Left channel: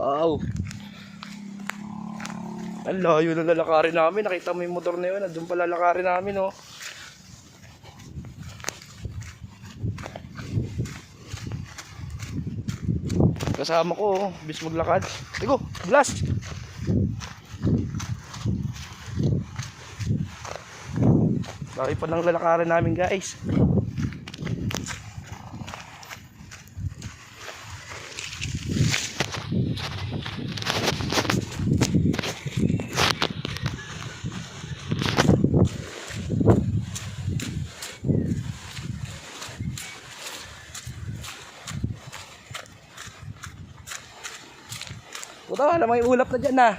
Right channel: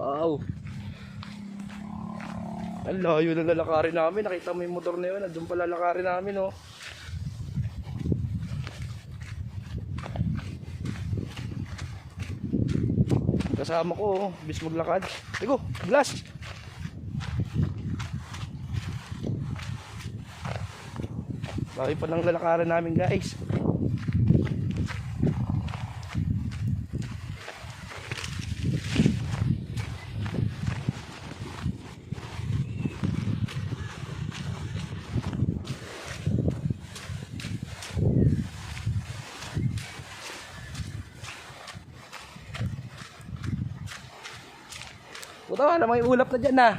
Wow. Ang layo na lalakarin namin. Nakita mo yung motor na yun. Doon pa lalakarin namin, oh. Kasama ko, oh. Bis maglakad. Tigo, blast! Bakit pa lang lalakarin namin, guys. Puta, wala may ulap na dyan na.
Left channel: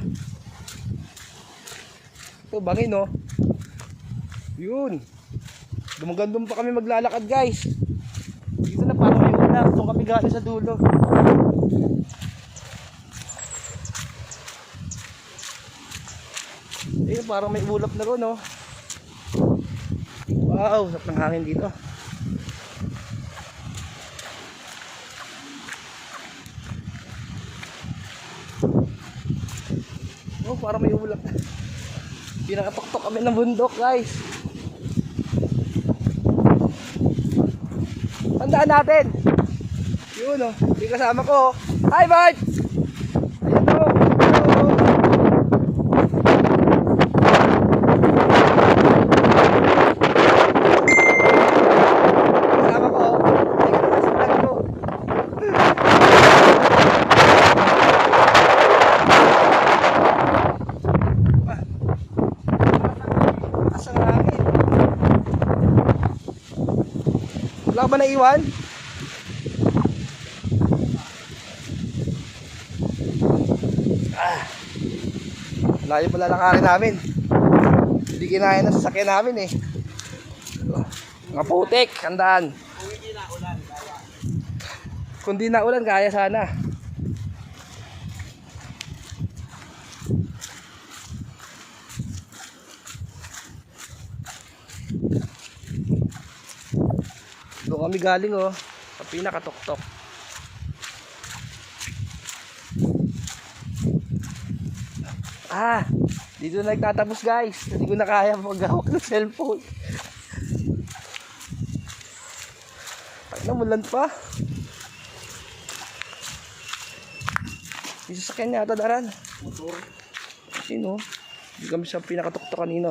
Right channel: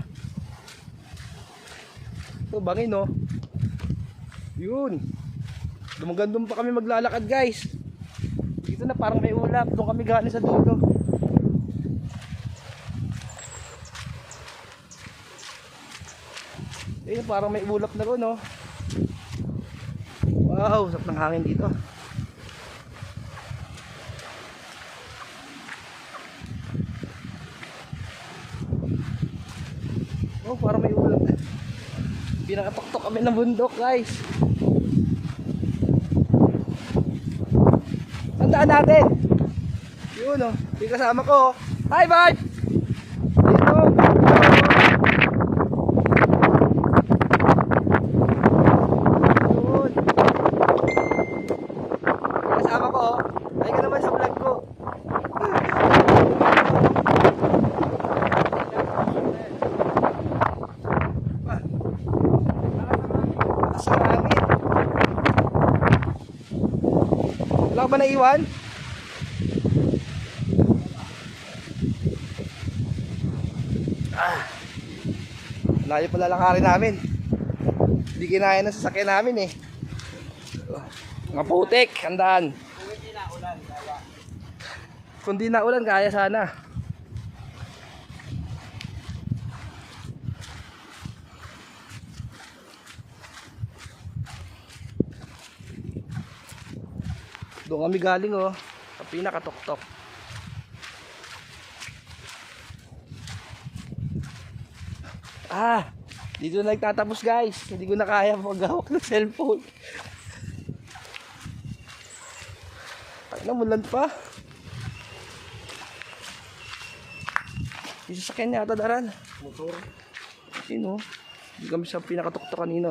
Ito, bangin, no? Yun. Dumagandun pa kami maglalakad, guys. Dito na parang may ulap. Doon kami galing sa dulo. Ayun, parang may ulap na ron, no? Wow, sarap ng hangin dito. Oh, parang may ulap. Pinakatuktok kami ng bundok, guys. Tandaan natin. Yun, oh. Yung kasama ko. Hi, bye! Dito. Kasama ko. Ay, ka naman sa vlog ko. Wala ba naiwan? Layo pala lakarin namin. Hindi kinaya na sasakyan namin, eh. Mga putik, handaan. Kung di na ulan, kaya sana. Doon kami galing, oh. Sa pinakatuktok. Dito na nagtatapos, guys. Hindi ko na kaya maghawak ng cellphone. Ay, namulan pa. Yung sasakyan niya ata daran. Motor. Sino? Hindi kami sa pinakatuktok kanina.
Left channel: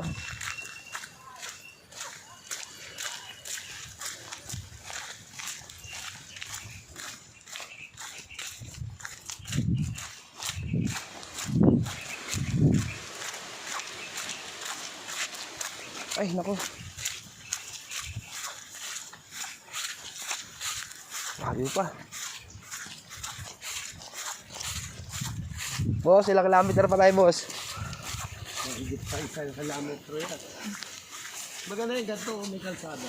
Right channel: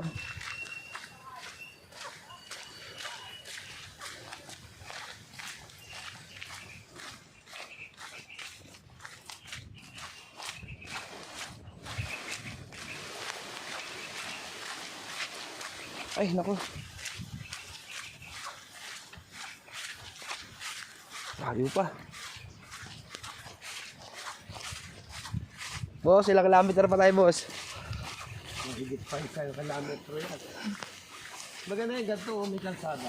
Ay, naku. Layo pa. Boss, ilang kilometer pa tayo, boss? Higit pa isang kilometro yan. Maganda yung ganito, may kalsada.